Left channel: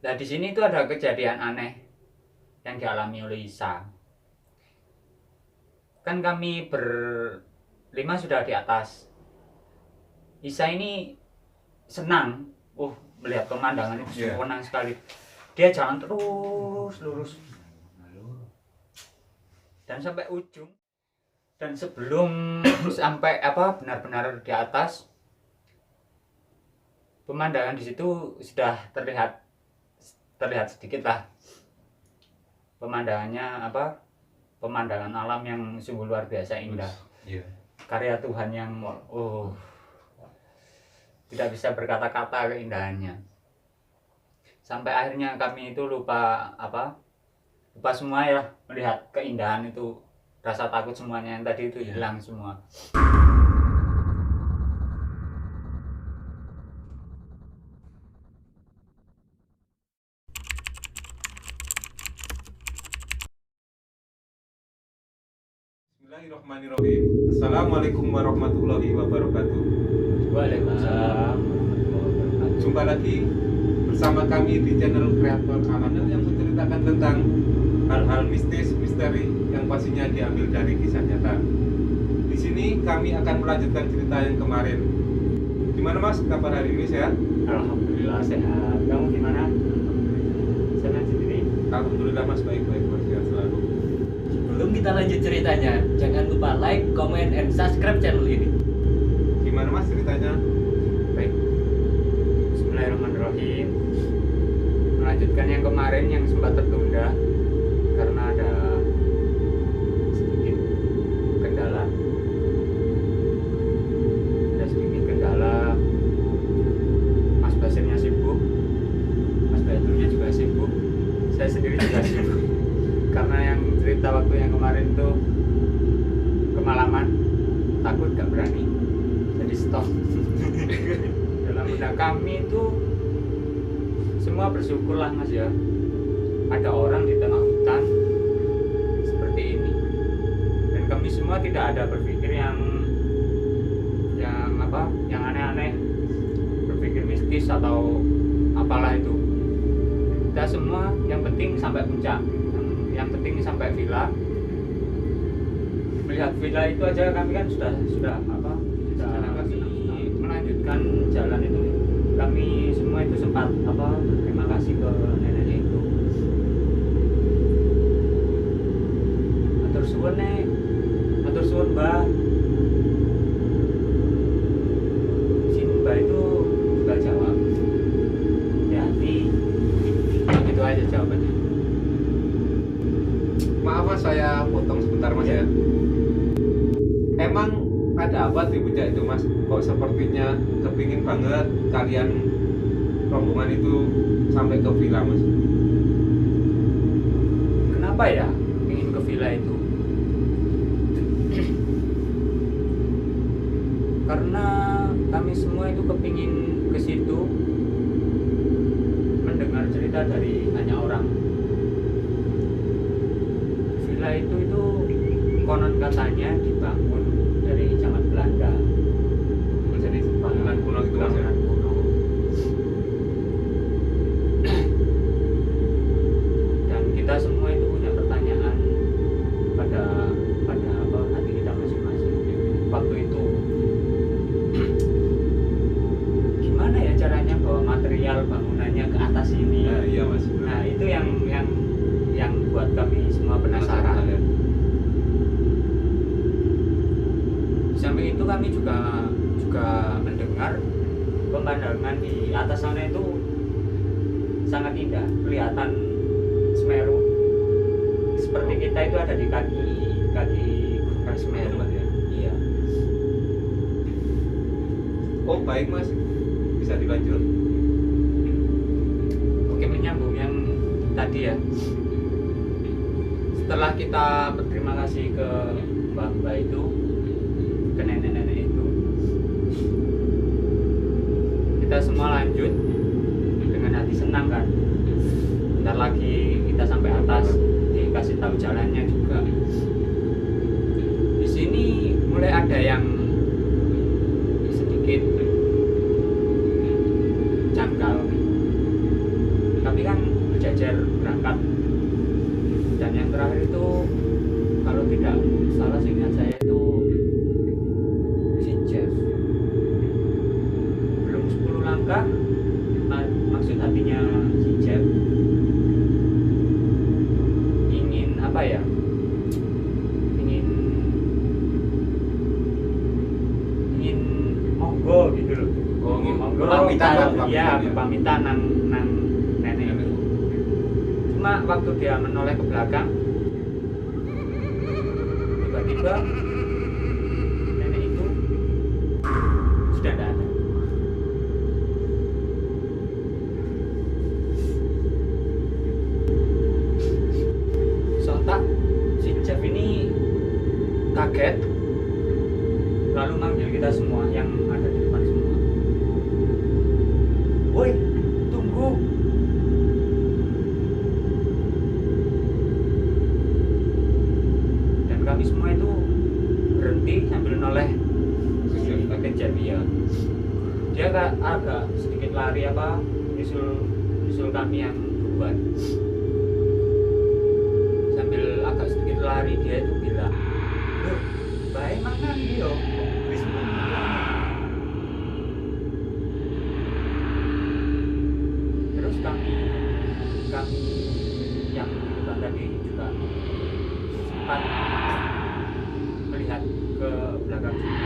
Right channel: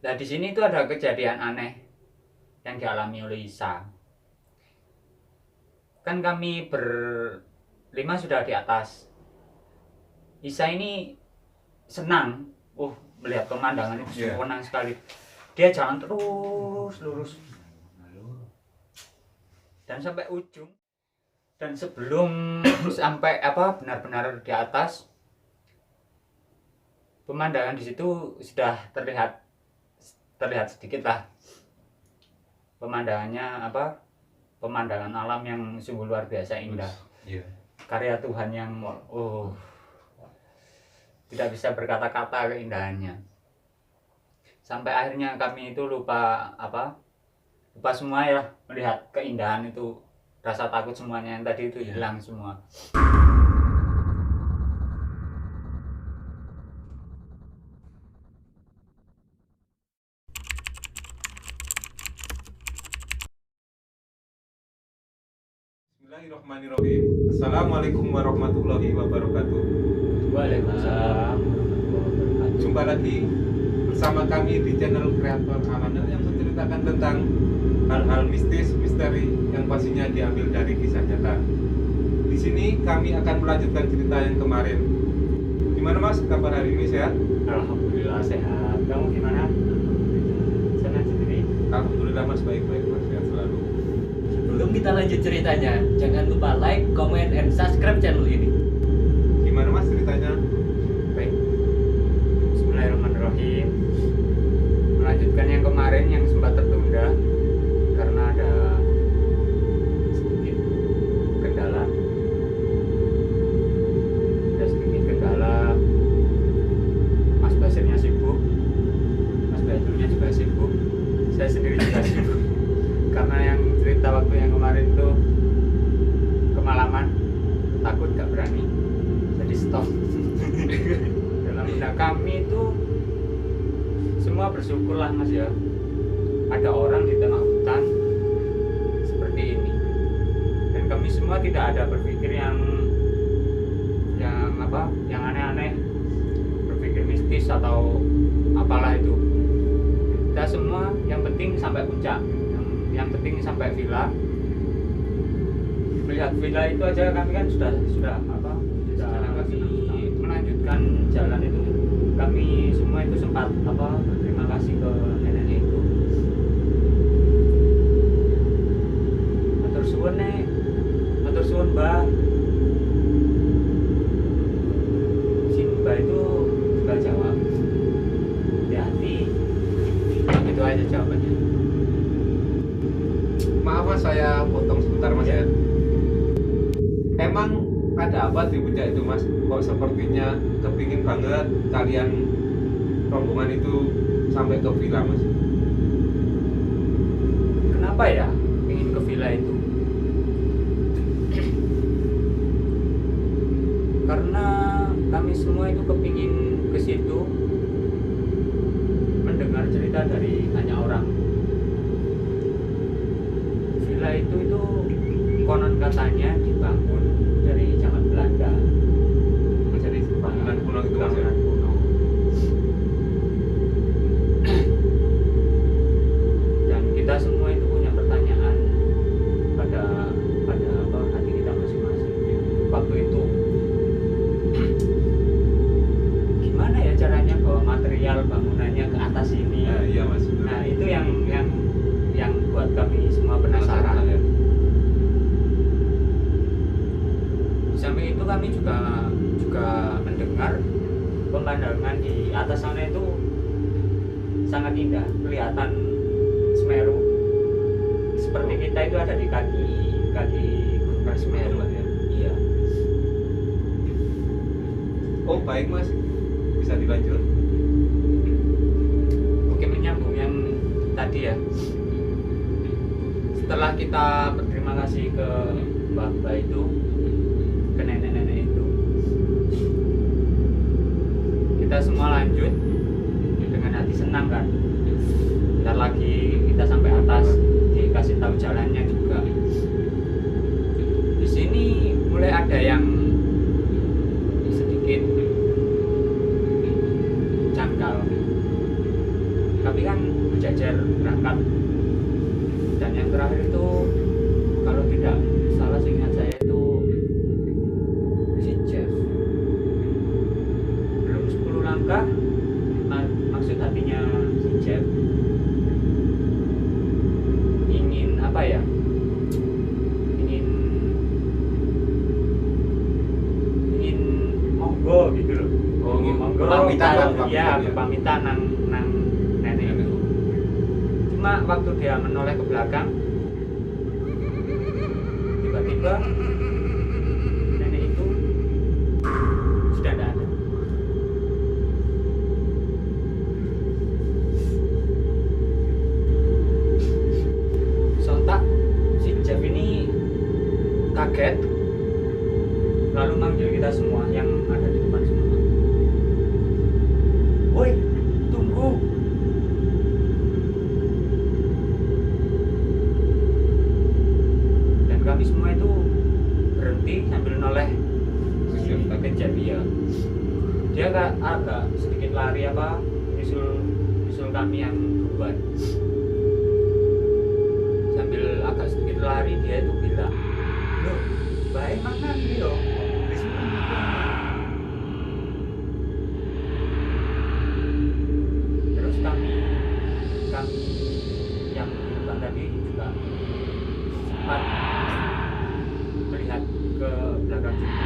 Nah di sini tuh ada kejadian aneh yang dialami oleh Isa. Kan kami berlima sudah di atas. Isa ini senang, melihat pemandangan itu senang sekali. Dia jalan terus lurus dan sampai ujung. Dan sebelum sampai benar-benar di atas, pemandangan di situ sudah terlihat sedikit lah pemandangannya pemandangan alam yang sungguh luar biasa indah. Karya Tuhan yang tidak bisa berkata-kata keindahannya. Sampai akhirnya kami itu lupa semua ya, melihat keindahan itu. Rasa takut semuanya yang tadi itu hilang semua. Bismillahirrahmanirrahim. Assalamualaikum warahmatullahi wabarakatuh. Waalaikumsalam warahmatullahi wabarakatuh. Jumpa lagi bersama kami di channel Kreator Amanah yang menceritakan tentang hal-hal mistis, misteri yang pastinya diambil dari kisah nyata. Di sini kami akan melanjutkan cerita yang kemarin. Gimana Mas, kabar hari ini sehat? Alhamdulillah sehat. Kamu gimana? Alhamdulillah. Senang sendiri? Alhamdulillah Mas, baik-baik Mas, sehat selalu. Sebelum kita lanjut ceritanya, jangan lupa like, comment, and subscribe channel ini. Gimana Mas ceritanya? Baik. Bismillahirrahmanirrahim. Melanjutkan yang kemarin yang sempat tertunda karena ada sedikit kendala. Mas Basirnya sibuk, Mas Badulnya juga sibuk, saya sendiri juga sibuk. Karena yang cerita waktu yang kemarin tuh kemalaman, takut gak berani, jadi stop. Dalam benak kami itu semua bersyukurlah Mas ya, ada orang di tengah hutan seperti ini. Dan kami semua tidak ada berpikir yang aneh-aneh, berpikir mistis atau apalah itu. Kita semua yang penting sampai puncak, yang penting sampai villa. Melihat villa itu aja kami kan sudah melanjutkan jalan itu. Kami semua itu sempat berterima kasih ke neneknya itu. Matur suwun nek, matur suwun Mbah. Si Mbah itu juga jawab, hati-hati. Itu aja jawabannya. Maaf Mas, saya potong sebentar Mas ya. Emang ada apa di puncak itu Mas? Kok sepertinya kepingin banget kalian rombongan itu sampai ke villa Mas? Kenapa ya ingin ke villa itu? Karena kami semua itu kepingin ke situ mendengar cerita dari banyak orang. Villa itu konon katanya dibangun dari zaman Belanda. Jadi bangunan kuno gitu Mas ya? Bangunan kuno. Dan kita semua itu punya pertanyaan pada hati kita masing-masing waktu itu. Gimana ya caranya bawa material bangunannya ke atas ini? Nah, iya Mas. Benar. Nah itu yang buat kami semua penasaran. Ya. Di samping itu kami juga mendengar pemandangan di atas sana itu sangat indah, kelihatan Semeru. Seperti kita itu ada di kaki Gunung Semeru ya. Iya. Oh baik Mas, bisa dilanjut. Oke, menyambung yang tadi ya. Setelah kita berterima kasih ke mbak-mbak itu, ke nenek-nenek itu, kita semua lanjut dengan hati senang kan. Bentar lagi kita sampai atas, dikasih tahu jalannya juga. Di sini mulai ada yang sedikit janggal. kami kan berjajar berangkat, dan yang terakhir itu kalau tidak salah seingat saya itu si Jeff. Belum 10 langkah, maksud hatinya si Jeff ingin apa ya, ingin monggo gitu loh. Ingin monggo, berpamitan nang nenek itu. Cuma waktu dia menoleh ke belakang, tiba-tiba nenek itu sudah tidak ada. Sontak si Jeff ini kaget, lalu manggil kita semua yang ada di depan semua. Woi, tunggu. Dan kami semua itu berhenti sambil noleh ke Jeff ya. Dia agak sedikit lari nyusul kami yang duluan. Sambil agak sedikit lari dia itu bilang, loh, baik mangan dia, wis terus kami yang di depan tadi juga sempat melihat ke belakang juga.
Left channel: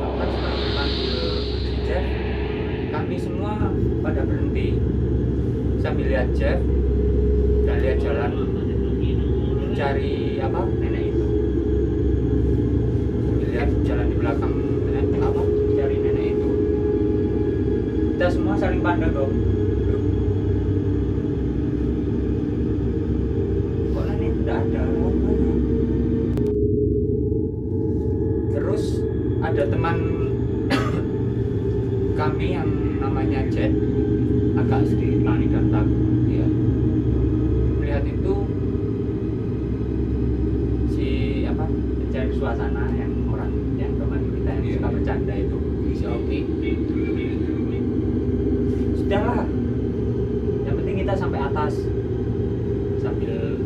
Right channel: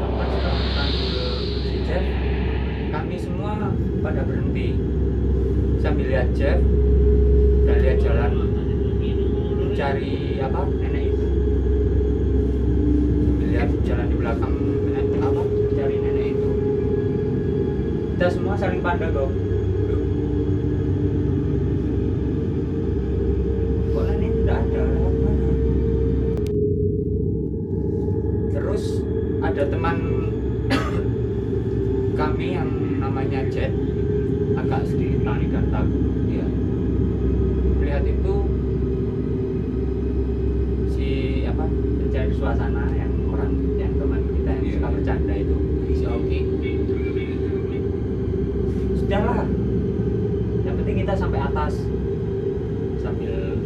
Sampai setelah dipanggil si Jeff, kami semua pada berhenti sambil lihat Jeff dan lihat jalan mencari nenek itu. Sambil lihat jalan di belakang mencari nenek itu. Kita semua saling pandang kok. Kok nenek tidak ada, lewat mana? Terus ada teman kami yang namanya Jet, agak sedikit panik dan takut. Dia melihat itu si pencari suasana yang teman kita yang suka bercanda itu, si Oki. Sudahlah, yang penting kita sampai atas, sambil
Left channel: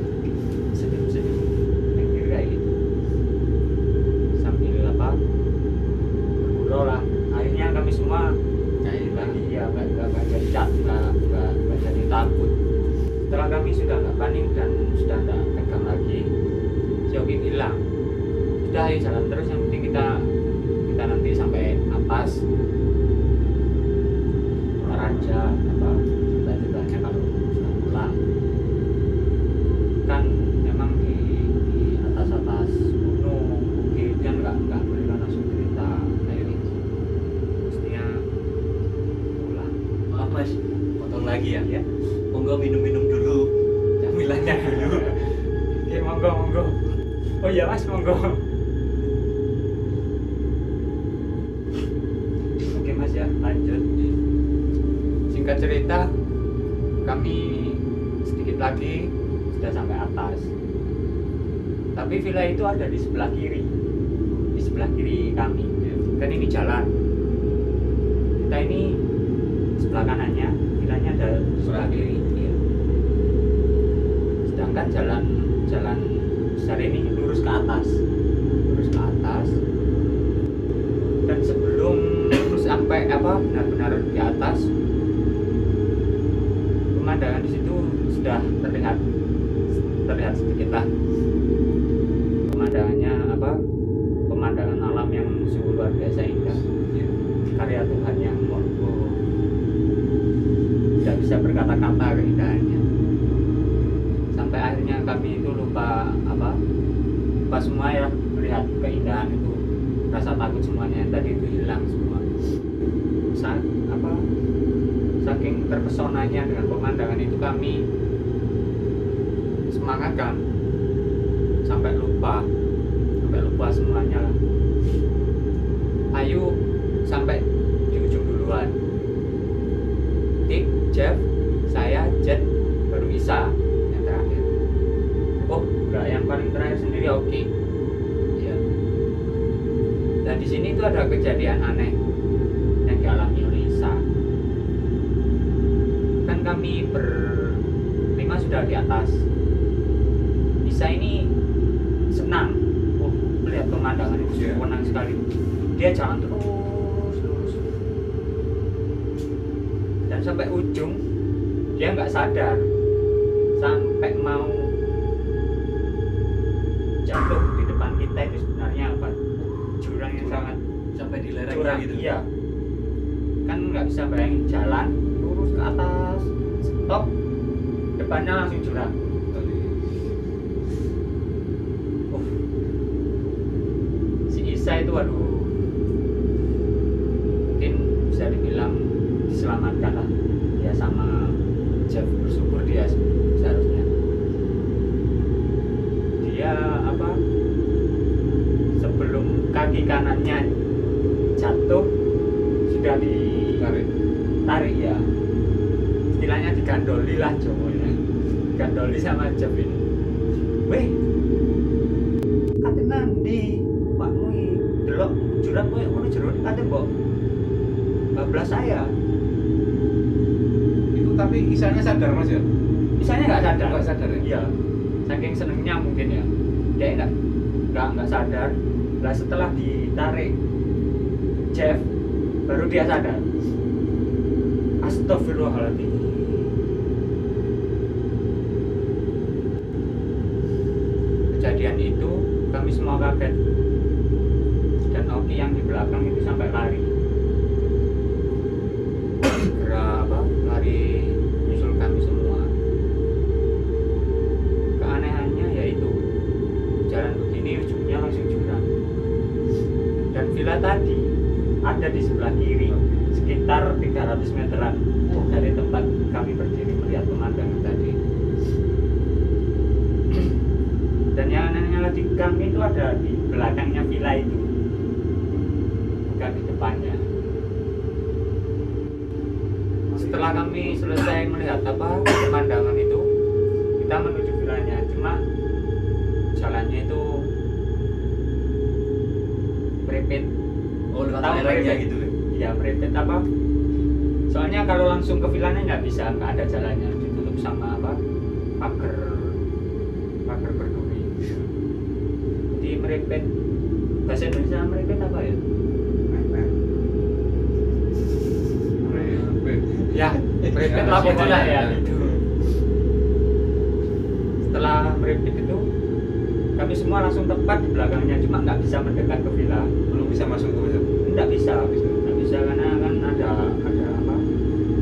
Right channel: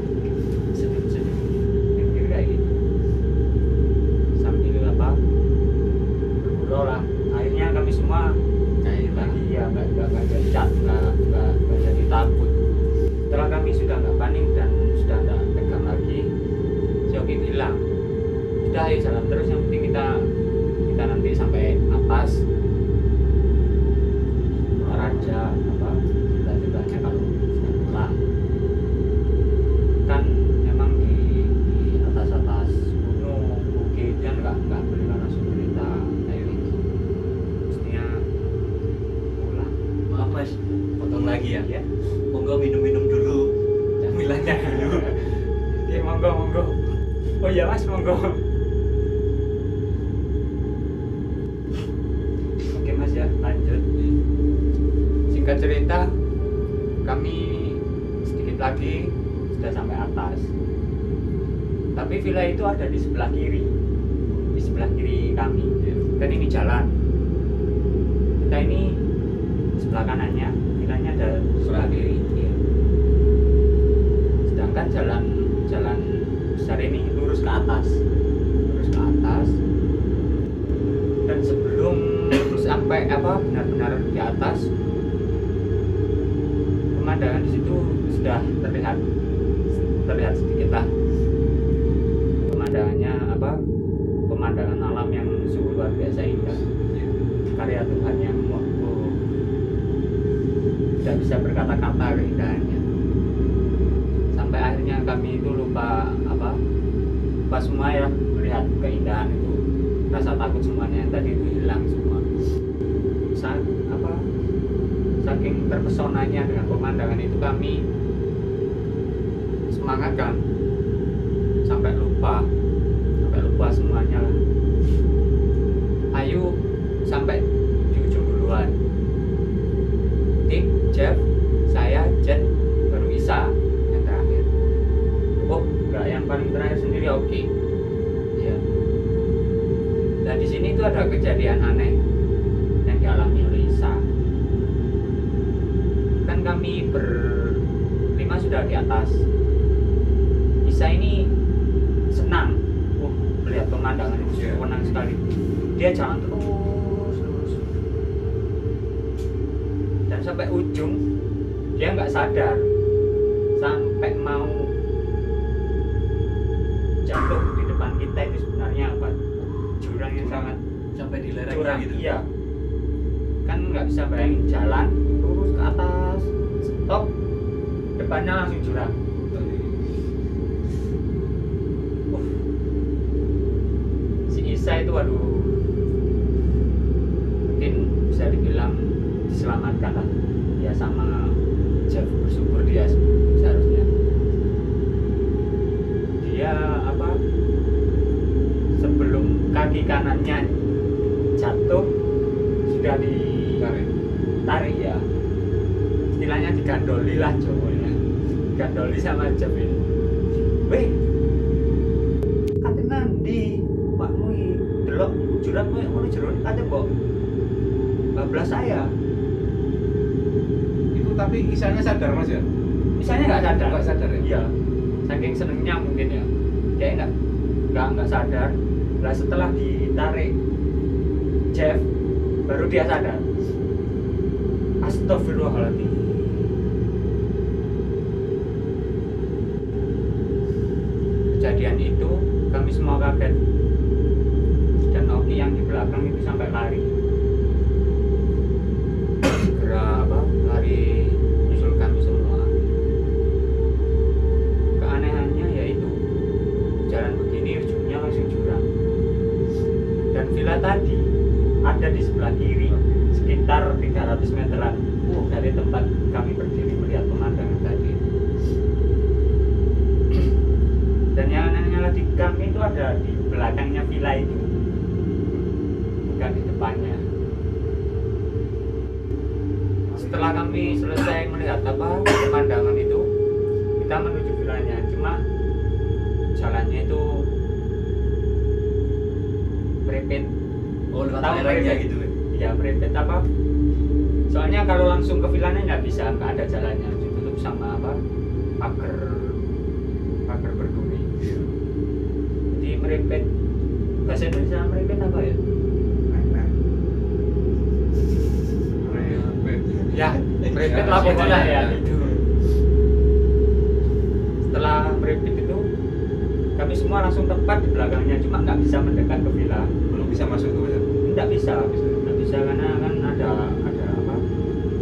senyum-senyum mikir kayak gitu, sambil bergurau lah. Akhirnya kami semua lagi ya nggak jadi takut. Setelah kami sudah nggak panik dan sudah nggak tegang lagi, si Oki bilang, sudah ayo jalan terus, yang penting kita nanti sampai atas. Ntar aja ceritanya kalau sudah pulang. Kan emang di atas gunung bukit kan nggak boleh kan langsung cerita kayak gitu. Mestinya pulang. Maaf Mas, potong lagi ya. Ya. Monggo minum dulu, camilannya dulu. Oke, monggo. Oh iya Mas, monggo. Oke Mas ya, lanjut. Singkat cerita, kami sedikit lagi sudah sampai atas. Tapi villa itu ada di sebelah kiri kami. Kan ini jalan. Kita ini sebelah kanannya, villanya ada sebelah kiri. Iya. Sedangkan jalan besar ini lurus ke atas. Dan sebelum sampai benar-benar di atas, pemandangan di situ sudah terlihat sedikit lah. Pemandangan alam yang sungguh luar biasa indah. Karya Tuhan yang tidak bisa berkata-kata keindahannya. Sampai akhirnya kami itu lupa semua ya, melihat keindahan itu. Rasa takut semuanya yang tadi itu hilang semua. Saking terpesonanya dengan pemandangan itu, kami semangat kan, sampai lupa semuanya lah. Ayo sampai di ujung duluan. Tik, Jeff, saya, Jet, baru Isa yang terakhir. Oh enggak, yang paling terakhir sendiri Oki. Iya. Dan di sini itu ada kejadian aneh yang dialami oleh Isa. kan kami berlima sudah di atas. Isa ini senang melihat pemandangan itu, senang sekali. Dia jalan terus lurus dan sampai ujung dia nggak sadar, sampai mau jatuh di depan kita itu sebenarnya apa? Jurang yang sangat Sampai di lereng curam gitu. iya, kan nggak bisa bayangin jalan lurus ke atas, stop, depannya langsung jurang. Si Isa itu waduh, mungkin bisa dibilang diselamatkan lah dia sama Jeff, bersyukur dia seharusnya. Dia apa, sebelum kaki kanannya jatuh sudah ditarik ya, istilahnya digandoli lah cowoknya, digandoli sama Jeff ini. Weh, kate nandi pakmu iki delok jurang koyo ngono jero kate mbok bablas saya. Itu tapi Isanya sadar Mas ya? Misalnya nggak sadar. Nggak sadar ya? Iya, saking senengnya mungkin ya, dia nggak sadar. Lah setelah ditarik Jeff, baru dia sadar. Astagfirullahaladzim. Kejadian itu kami semua kaget, dan Oki yang di belakang itu sampai lari. Segera lari menyusul kami semua. Keanehannya yaitu jalan begini ujungnya langsung jurang, dan villa tadi ada di sebelah kiri sekitar 300 meteran dari tempat kami berdiri melihat pemandangan tadi. Dan yang anehnya lagi, kami itu ada di belakangnya villa itu, bukan di depannya. Setelah kami selesai melihat pemandangan itu, kita menuju villanya. Cuma jalannya itu merepet. Lewat Tahu lerengnya merepet? gitu. Iya, merepet apa? Soalnya kalau langsung ke villanya nggak bisa, nggak ada jalannya, ditutup sama pagar berduri. Iya. Jadi merepet. Bahasa Indonesia merepet apa ya? Ya, merepet lah pokoknya ya itu. Setelah merepet itu, kami semua langsung tepat di belakangnya, cuma nggak bisa mendekat ke villa. Belum bisa masuk ke Mas. Nggak bisa karena kan ada apa?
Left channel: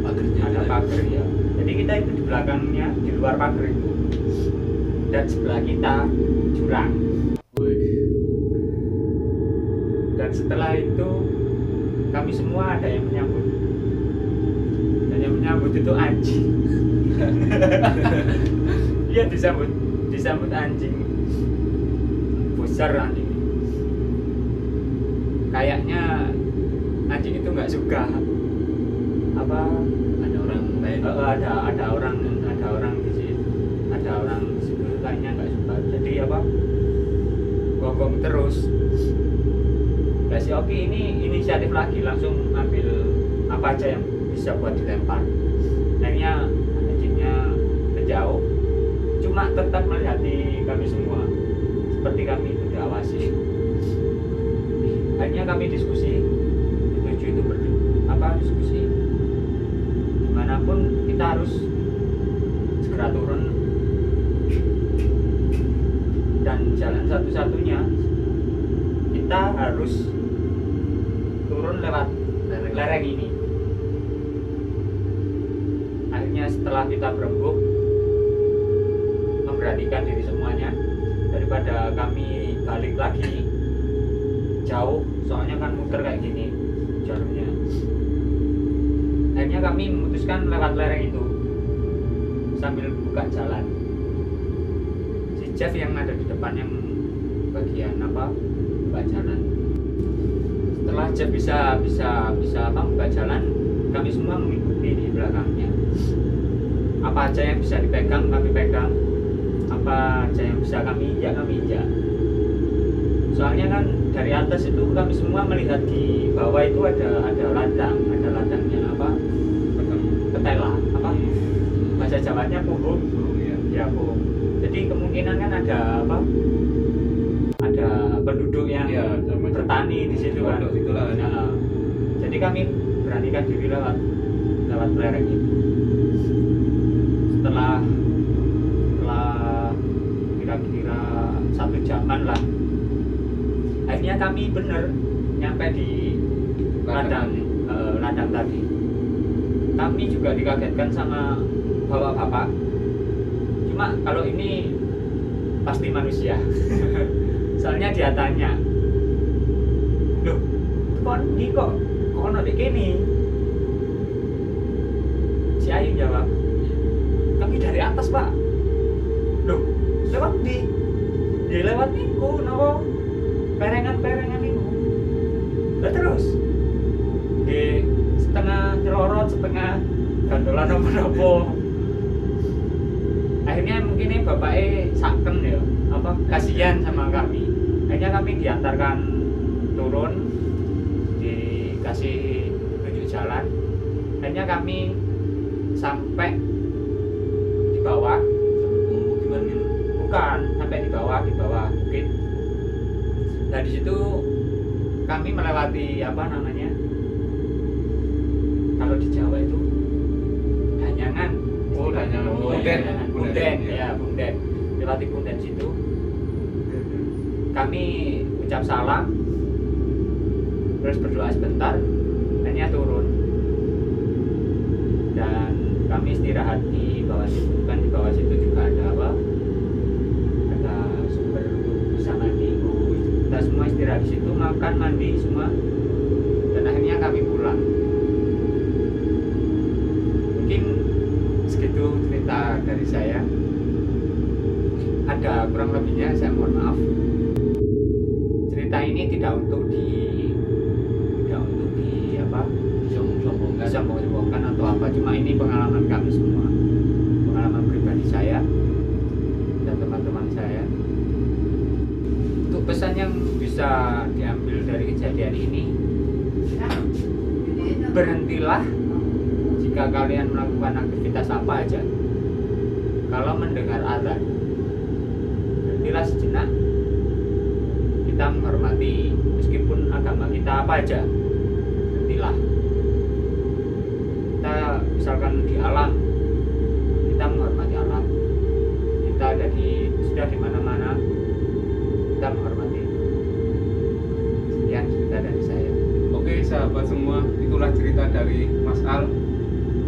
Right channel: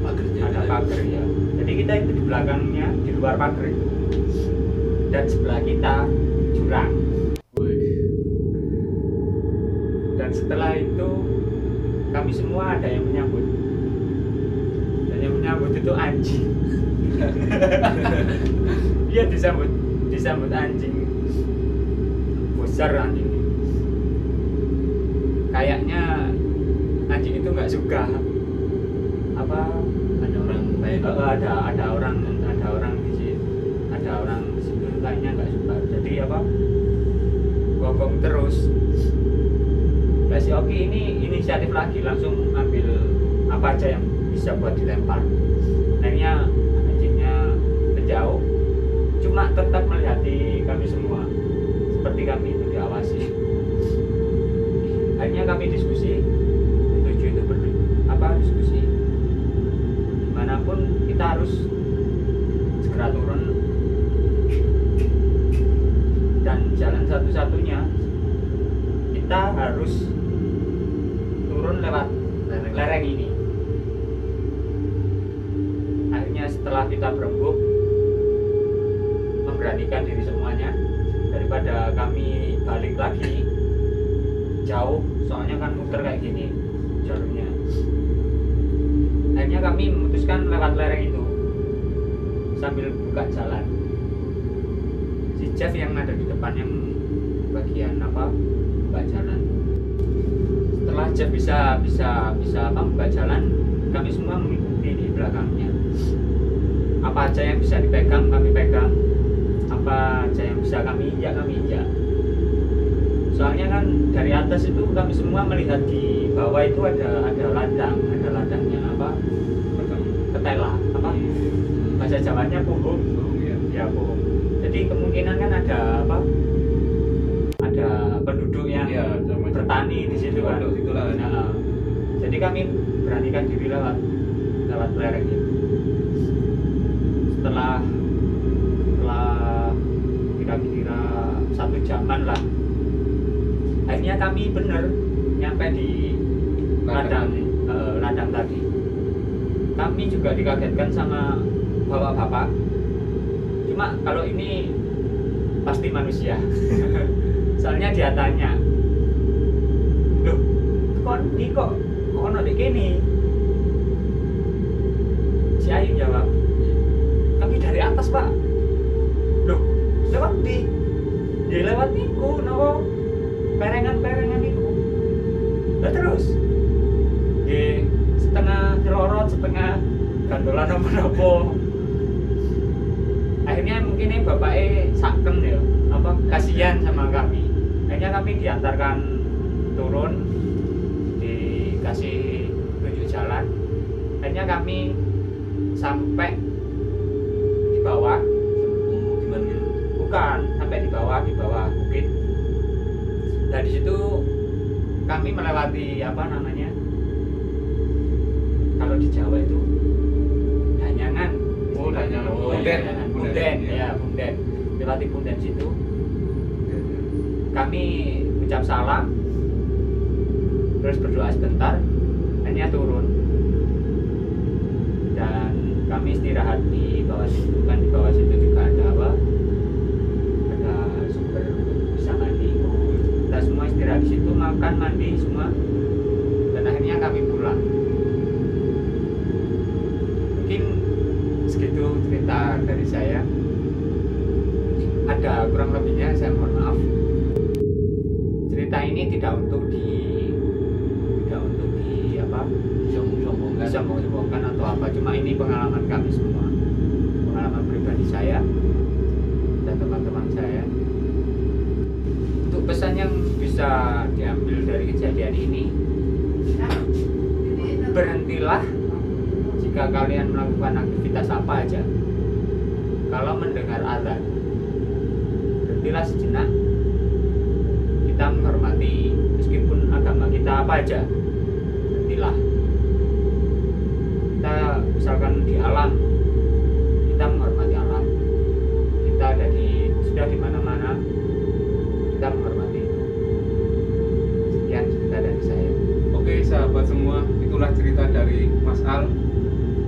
Pagernya. Ada pagar ya. Jadi kita itu di belakangnya, di luar pagar itu, dan sebelah kita jurang. Dan setelah itu kami semua ada yang menyambut, dan yang menyambut itu anjing. Iya, disambut anjing besar. Anjing ini kayaknya anjing itu nggak suka Ada orang lain. ada orang di situ kayaknya nggak suka, jadi gonggong terus. Nah, si Oki ini inisiatif lagi, langsung ambil apa aja yang bisa buat dilempar. Akhirnya anjingnya menjauh, cuma tetap melihati kami semua, seperti kami itu diawasi. Akhirnya kami diskusi, bertujuh itu diskusi, dimanapun kita harus segera turun, dan jalan satu-satunya kita harus turun lewat lereng ini. Akhirnya setelah kita berembuk, memberanikan diri semuanya, daripada kami balik lagi jauh, soalnya kan muter kayak gini jalurnya. Akhirnya kami memutuskan lewat lereng itu sambil buka jalan. Si Jeff yang ada di depan yang bagian buka jalan. Setelah Jeff bisa buka jalan, kami semua mengikuti di belakangnya. Apa aja yang bisa dipegang kami pegang, apa aja yang bisa kami injak. Soalnya kan dari atas itu kami semua melihat di bawah itu ada ladangnya ketela apa bahasa Jawanya puhung. Oh, iya. Ya puhung. Jadi kemungkinan kan ada apa? Ada penduduk yang Iya, ada macam- bertani di situ kan. Pondok situlah. Nah, jadi kami beranikan diri lewat lereng itu. Setelah kira-kira 1 jaman lah, akhirnya kami bener nyampe di ladang tadi. Kami juga dikagetkan sama bapak-bapak. Cuma kalau ini pasti manusia. Soalnya dia tanya, loh, kok ono dek kene? Si Ayu jawab, kami dari atas pak. Loh, lewat di? Dia lewat niku, nopo perengan niku. Lah terus, di setengah nyelorot, setengah gandolan nopo. Akhirnya mungkin ini bapaknya saken ya, apa kasihan sama kami. Akhirnya kami diantarkan turun, dikasih tunjuk jalan. Akhirnya kami sampai di bawah. Pemukiman gitu. Bukan, sampai di bawah bukit. Nah di situ kami melewati apa namanya? Kalau di Jawa itu danyangan. Oh, danyangan. Bunden, ya bunden. Lewati bunden situ. Kami ucap salam, terus berdoa sebentar, akhirnya turun. Dan kami istirahat di bawah situ. Kan di bawah situ juga ada apa? Ada sumber untuk bisa mandi. Kita semua istirahat di situ, makan, mandi semua. Dan akhirnya kami pulang. Mungkin segitu cerita dari saya. Ada kurang lebihnya, saya mohon maaf. Cerita ini tidak untuk di apa? Sombong-sombongkan atau apa. Cuma ini pengalaman kami semua. Pengalaman pribadi saya dan teman-teman saya. Untuk pesan yang bisa diambil dari kejadian ini, berhentilah jika kalian melakukan aktivitas apa aja. Kalau mendengar azan, berhentilah sejenak. Kita menghormati, meskipun agama kita apa aja, berhentilah. Kita misalkan di alam, kita menghormati alam. Kita sudah di mana-mana, kita menghormati itu. Sekian cerita dari saya. Oke sahabat semua, itulah cerita dari Mas Al.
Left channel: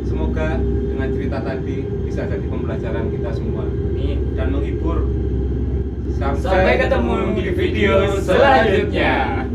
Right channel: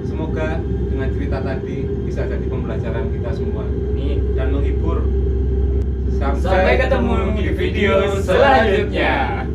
Semoga dengan cerita tadi bisa jadi pembelajaran kita semua Amin. dan menghibur. Sampai ketemu di video selanjutnya.